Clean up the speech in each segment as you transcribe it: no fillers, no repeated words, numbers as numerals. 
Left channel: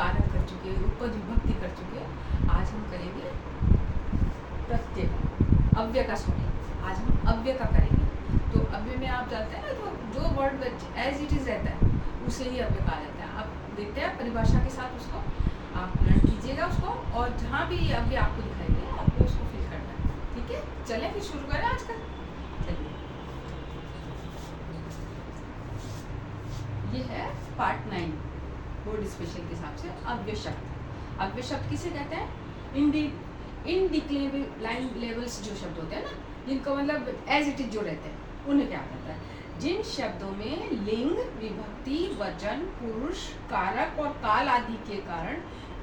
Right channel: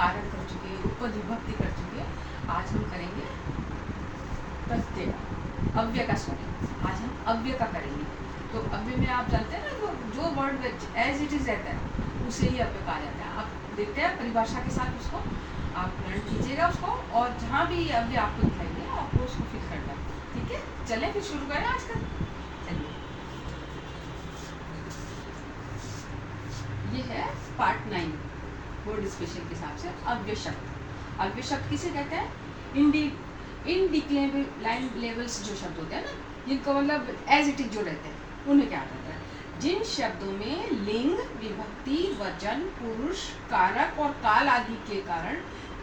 कारक कर चुके, उपपद विभक्ति कर चुके। आज हम करेंगे प्रत्यय, अव्यय का स्टडी। आज हम अव्यय का करेंगे। तो अव्यय में आप जानते हैं ना, जो वर्ड एज इट इज रहता है उसे ही अव्यय कहा जाता है। आप देखते हैं परिभाषा के साथ उसको आप लर्न कीजिएगा उसको, और जहाँ भी अव्यय आपको दिखाई दे आपको उसको फिल करना है। ठीक है, चलें फिर शुरू करें आज का। चलिए, ये है पार्ट 9 बोर्ड स्पेशल के हिसाब से अव्यय शब्द। अव्यय शब्द किसे कहते हैं? इनडिक्लेरेबल्स जो शब्द होते हैं ना, जिनको मतलब एज इट इज जो रहते हैं उन्हें क्या कहते हैं? जिन शब्दों में लिंग, विभक्ति, वचन, पुरुष, कारक और काल आदि के कारण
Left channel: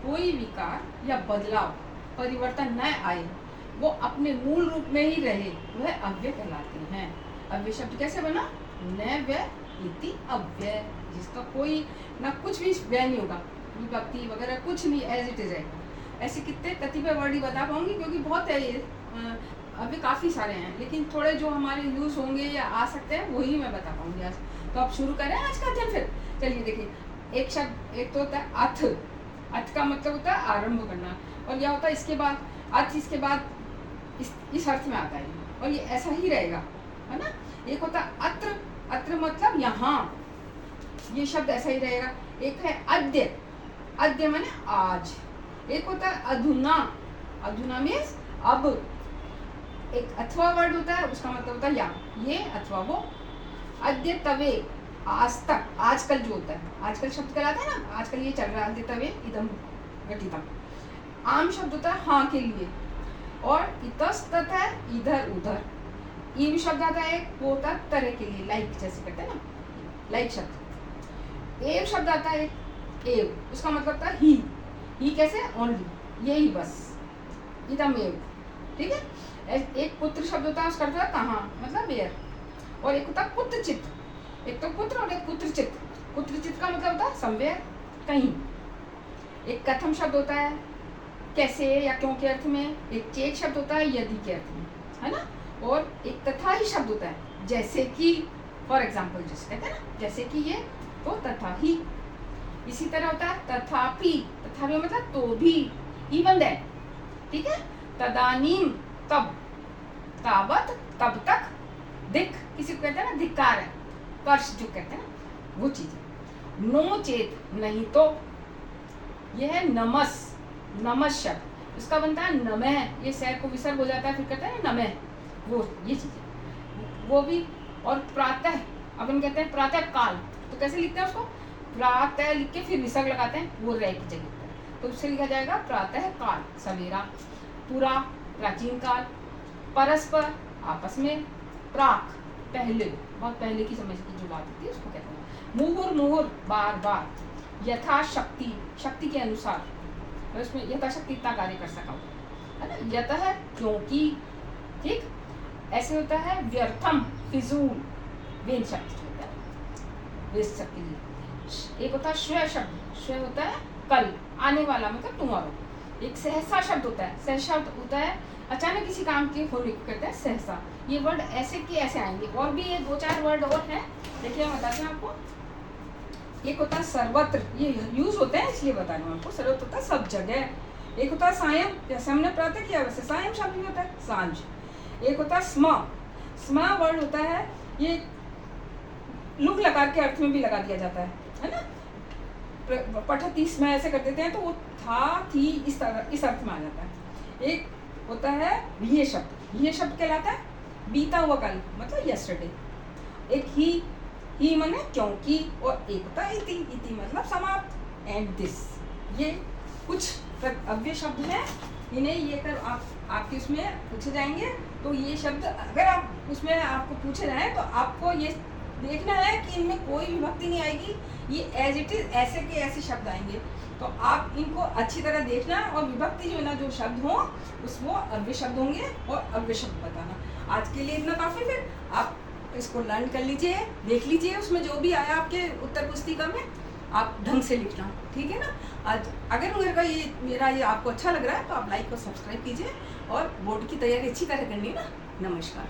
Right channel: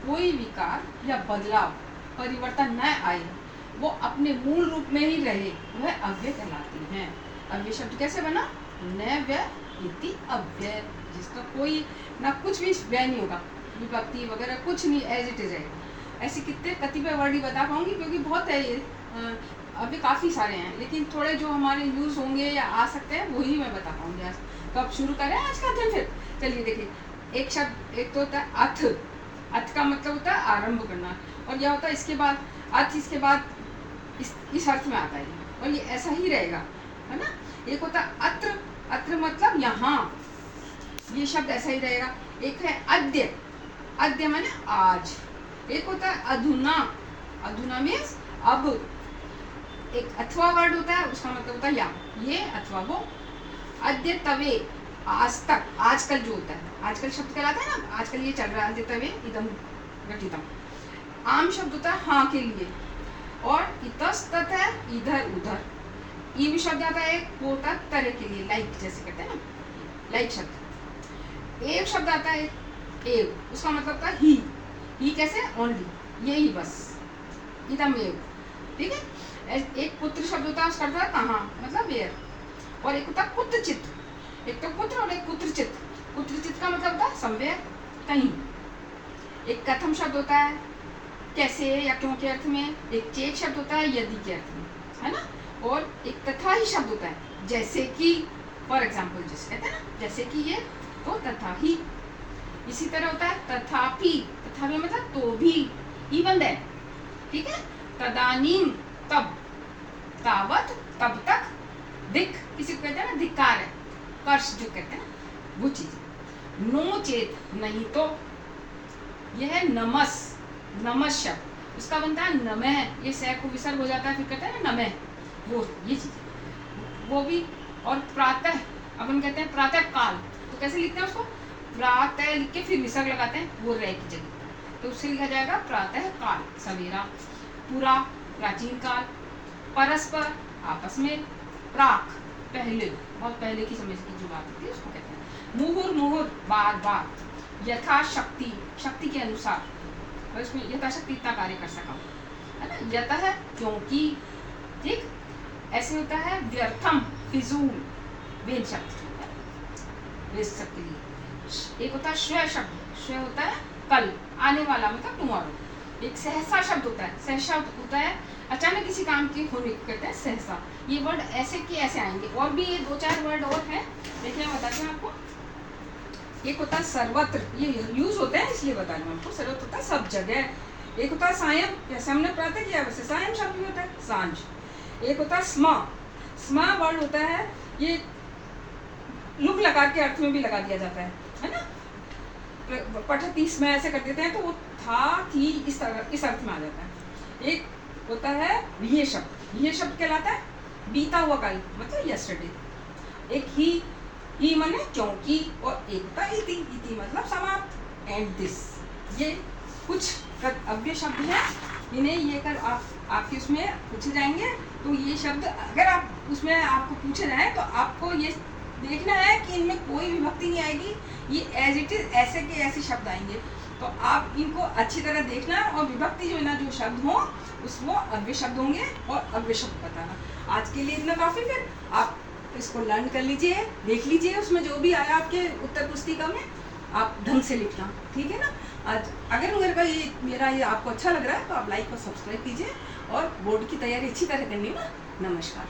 कोई विकार या बदलाव, परिवर्तन न आए, वो अपने मूल रूप में ही रहे, वह अव्यय कहलाते हैं। अव्यय शब्द कैसे बना? न व्यय इति अव्यय, जिसका कोई ना कुछ भी व्यय नहीं होगा, विभक्ति वगैरह कुछ नहीं, एज इट इज है। ऐसे कितने कतिपय वर्ड ही बता पाऊंगी क्योंकि बहुत है ये, अभी काफ़ी सारे हैं, लेकिन थोड़े जो हमारे यूज़ होंगे या आ सकते हैं वही मैं बता पाऊंगी आज। तो अब शुरू करें आज का अध्ययन फिर। चलिए देखिए, एक शब्द, एक तो होता है अथ। अथ का मतलब होता है आरंभ करना, और यह होता है इसके बाद अथ, इसके बाद इस अर्थ में आता है, और ये ऐसा ही रहेगा, है ना। एक होता है अत्र, अत्र मतलब यहाँ, ये शब्द ऐसा ही रहेगा। एक है अद्य, अद्य माने आज। एक होता है अधुना, अधुना मीन्स अब। एक अथवा वर्ड होता है, उसका मतलब होता है या, ये अथवा वो। अद्य तवे, आज तक, आजकल जो होता है, आजकल शब्द कहलाता है ना, आजकल ये चल रहा है। अद्य तवे इदम घटितम। आम शब्द होता है हाँ के लिए, और इतस्तत है इधर उधर। ईव शब्द आता है एक, वो होता है तरह के लिए, लाइक जैसे कहते हैं ना, लाइक शब्द। एव शब्द आता है एव, उसका मतलब होता है ही कैसे? ओनली, यही बस, इदम एव। ठीक है। एक पुत्र शब्द होता है, उसका अर्थ है कहाँ, मतलब वेयर। और एक होता है पुत्रचित, एक तो पुत्र और एक पुत्रचित। पुत्रचित का मतलब होता है समवेयर, कहीं। एक कथम शब्द होता है कैसे या क्यों के अर्थ में। एक चेक शब्द होता है यदि के अर्थ में, है ना। और एक तथा ही शब्द होता है, जैसे कि, फॉर एग्जाम्पल जिस कहते हैं ना, जैसे कि ये, तो तथा ही। इसी तरह होता है तथापि, तथापि मतलब तो भी, इवन दैट। ठीक है। तदानीम तब, तावत तब तक, दिक किसी को कहते हैं ना, धिक्कार है, कर्ष जो कहते हैं वो चीज। नो चेत नहीं तो, यह है नमस, नमस शब्द, इसका बनता है नमः, ये सह को विसर्ग हो जाता है, फिर कहते हैं ना नमः, वो ये चीज वो भी। और प्रातः, अपन कहते हैं प्रातः काल, तो कैसे लिखते हैं उसको? प्रातः लिख के फिर विसर्ग लगाते हैं, वो रह की जगह पर, तो उससे लिखा जाएगा प्रातः काल, सवेरा। पुरा, प्राचीन काल। परस्पर, आपस में। प्राक, पहले, बहुत पहले की समय की जो बात होती है उसको कहते हैं। मुहुर, मुहुर, बार बार। यथाशक्ति, शक्ति के अनुसार, और इसमें यथाशक्ति इतना कार्य कर सका, है ना। यतः क्योंकि, ठीक। ऐसे होता है व्यर्थम, फिजूल, वेद शब्द होता है, वेद शब्द के लिए। एक होता है श्वय शब्द, श्वय होता है कल, आने वाला मतलब टुमारो। एक सहसा शब्द होता है, सहसा होता है अचानक किसी काम के होने को कहते हैं सहसा। ये वर्ड ऐसे कि ऐसे आएंगे, और भी ये 2-4 वर्ड और हैं, देखिए हम बताते हैं आपको। एक होता है सर्वत्र, ये यूज होते हैं इसलिए बता रहा हूँ आपको। सर्वत्र होता है सब जगह। एक होता है सायं, जैसे हमने प्रातः किया वैसे सायं शब्द भी होता है, सांझ। एक होता है स्म, स्म वर्ड होता है, ये लुक लकार के अर्थ में भी लगा दिया जाता है ना। पठती स्म ऐसे कर देते हैं तो वो था थी इस तरह इस अर्थ में आ जाता है। एक होता है ये शब्द, ये शब्द कहलाता है बीता हुआ कल, मतलब यस्टरडे। एक ही माने क्योंकि, और एक होता है इति, इति मतलब समाप्त, एंड दिस। ये कुछ अव्यय शब्द हैं, इन्हें ये कर आपके उसमें पूछे जाएंगे। तो ये शब्द अगर आप उसमें आपको पूछे जाए तो आपको ये देखना है कि इनमें कोई विभक्ति नहीं आएगी, ये एज इट इज ऐसे के ऐसे शब्द आएंगे। तो आप इनको अच्छी तरह देखना, और विभक्ति जो है ना, जो शब्द हो उस वो अव्यय शब्द होंगे, और अव्यय शब्द बताना। आज के लिए इतना काफ़ी, फिर आप इसको लर्न कर लीजिए, देख लीजिए, उसमें जो भी आया आपके उत्तर पुस्तिका में आप ढंग से लिखना, ठीक है ना। आज अगर मेरा ये आपको अच्छा लग रहा है तो आप लाइक और सब्सक्राइब कीजिए, और बोर्ड की तैयारी अच्छी तरह करनी है ना। नमस्कार।